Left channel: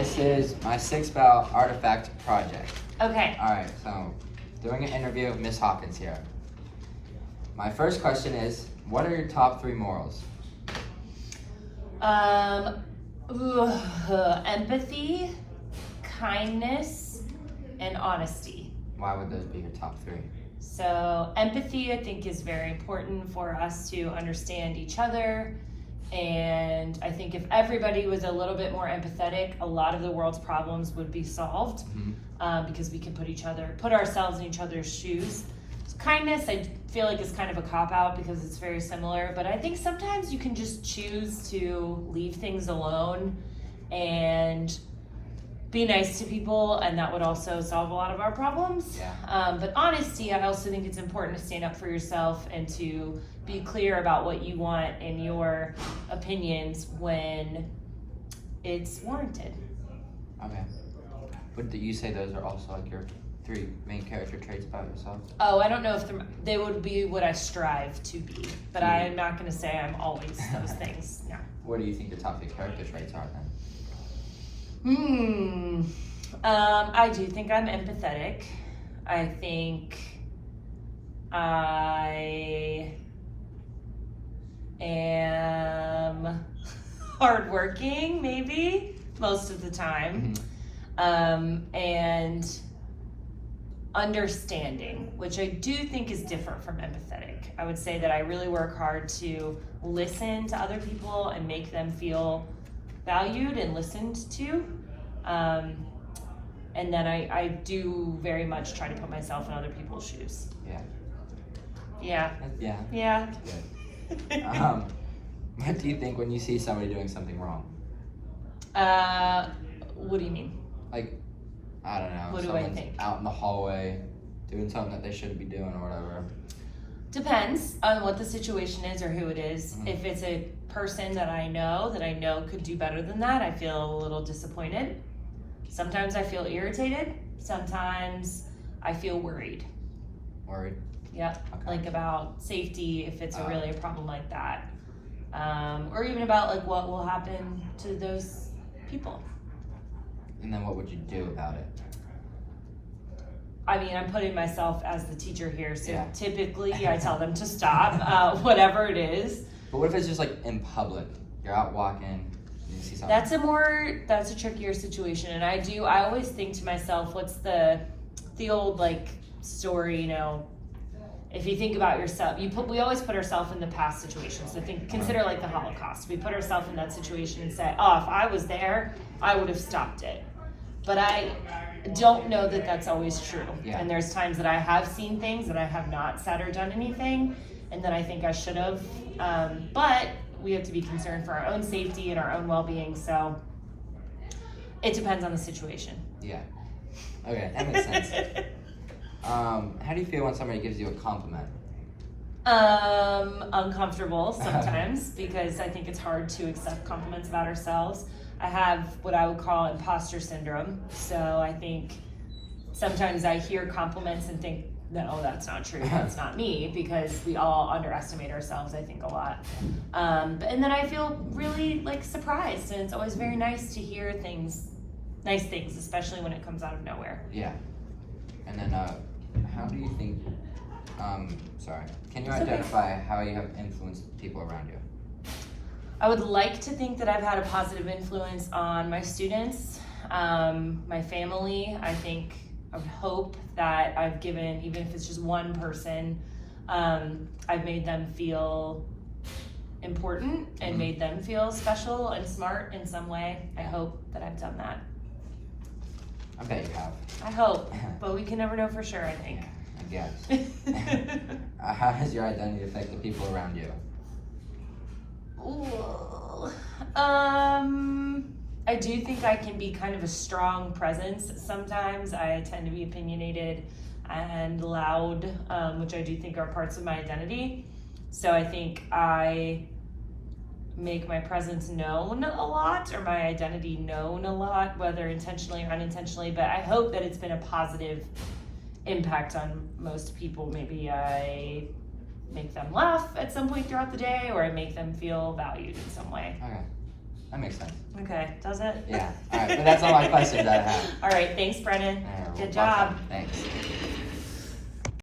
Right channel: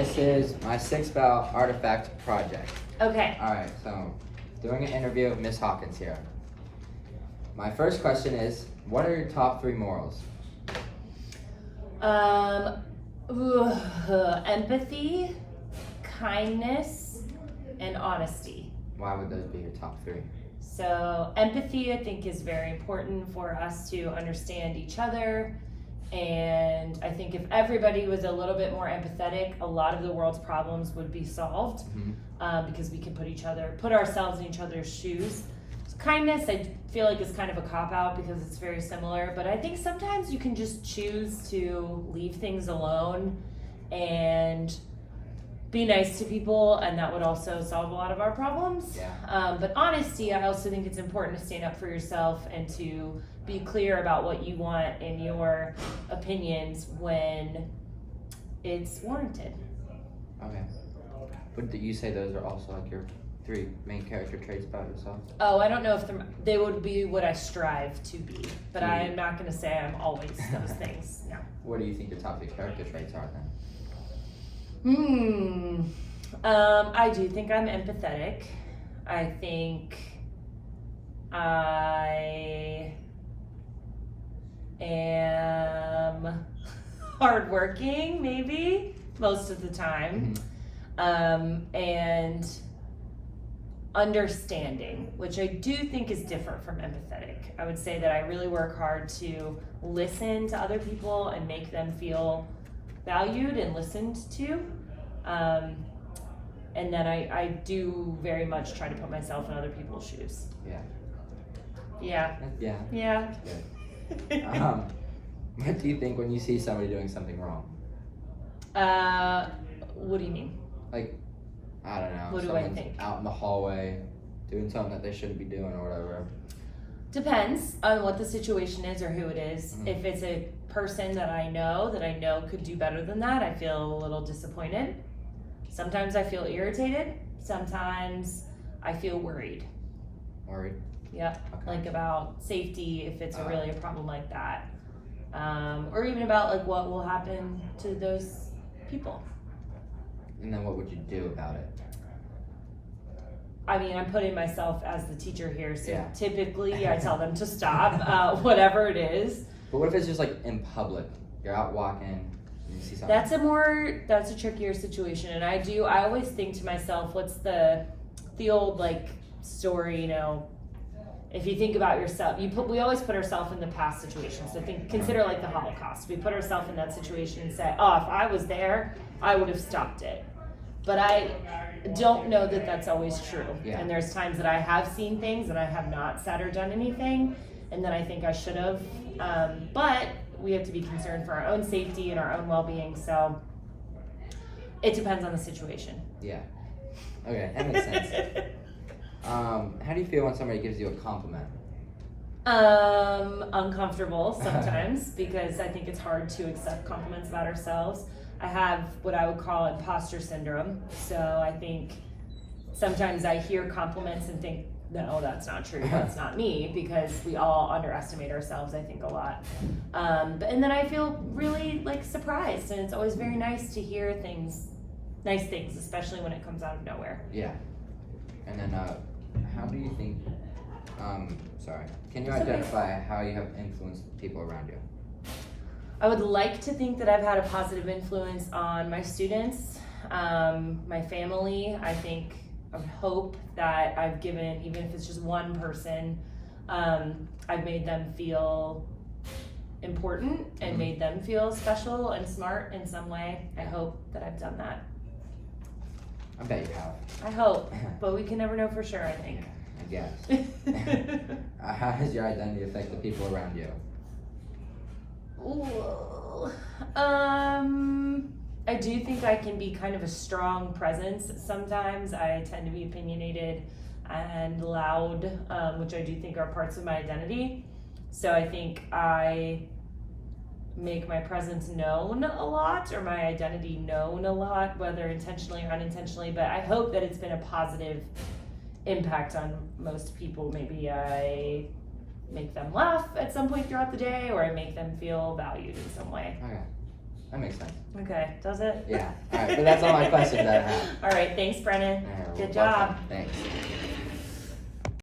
This is my 6-val artifact project. Okay. All right, so doing an interview with Miss Hawkins here. My first question is, what are your top 3 morals? Empathy, kindness, and honesty. Why would those be your top 3? So empathy, I think, is very important for us to understand each other. And I think if everybody was a little bit more empathetic, a lot of the world's problems would be solved, because we can put ourselves in each other's shoes. Kindness, I feel like, is kind of a cop-out because it's very similar, but I think sometimes you can just choose to leave things alone and be nice to people, and that would also solve a lot of our problems. Yeah. But honesty, I also think it's important to stand up for yourself and to be clear about what you want and your opinions when it's warranted. Okay. Would you say those are also like your 3 main character traits about yourself? Oh, I don't know if they would be what I strive to be, but I'm not going to say I'm always those things. No. What do you think the top 3 character traits are then? I do think I'm empathetic. I think I am hardworking, maybe, most of the time. And understanding, which I do think is different from empathetic. I would say that I really work hard to listen to other people and make them feel valued and listened to. And then I do very much try to put myself in other people's shoes. Yeah. Yeah. Good. What do you think when you see somebody doing something wrong? What do you mean? Like, I don't know. What do I someone's think? out in the hallway doing something that they shouldn't be doing or whatever. Depends on what the situation is or who it is. If it's a person that I know could do better than that, I feel a little disappointed. Sometimes I feel irritated. Sometimes I feel worried. Worried? Yep. Okay. Like about safety, if it's really a problem like that. Or even about like what will happen to those people. And then what would you do about it? I mean, I'm putting myself as the teacher here, so Yeah. typically I tell them to stop, whatever it is. But what if it's just like in public? You're out walking, and you see something. That's a trickier situation, and I always think to myself, what's the old like story, you know, if you think about yourself, we always put ourselves in the past situation. So consider like the Holocaust. We put ourselves in that situation and say, oh, if I was there, I would have stopped it. But I don't know that that's always true. Yeah. And there's times that I have seen things and I have not said or done anything, and then I think I should have. But we have to be concerned for our own safety and our own well-being. So it depends on the situation. Yeah. Okay, that makes sense. How do you feel when somebody gives you a compliment? Uncomfortable sometimes because I think it's hard to accept compliments about ourselves. I have what I would call imposter syndrome. So I think sometimes I hear compliments and think that, oh, that's not true. That's not me, because we all underestimate ourselves, I think, a lot. And then I feel really like surprised, and it's always very nice to hear nice things, especially when it comes out of nowhere. Yeah. And then how do you think, can you identify how you have influenced people around you? I would like to think that I've had a positive influence on my students, my family. I would hope that I've given, even if it's just one person, I've made them feel important and made them feel special and smart in some way. I hope that I've done that. I bet you have. I hope, but we can never know for sure, I think. Yeah, I guess. How does your identity affect the people around you? Ooh. I do think I can be kind of a strong presence sometimes. I tend to be opinionated and loud, which I do think are parts of my identity. So I think I make my presence known a lot, or my identity known a lot, whether intentionally or unintentionally, but I hope that it's been a positive impact on most people. Maybe I make them laugh at some point throughout the day, or I make them feel valued in some way. Okay. That makes sense. Okay, does it? Yeah. All right, but that's all my questions that I have. All right, thanks, Brennan. You're Good welcome. job. Thanks.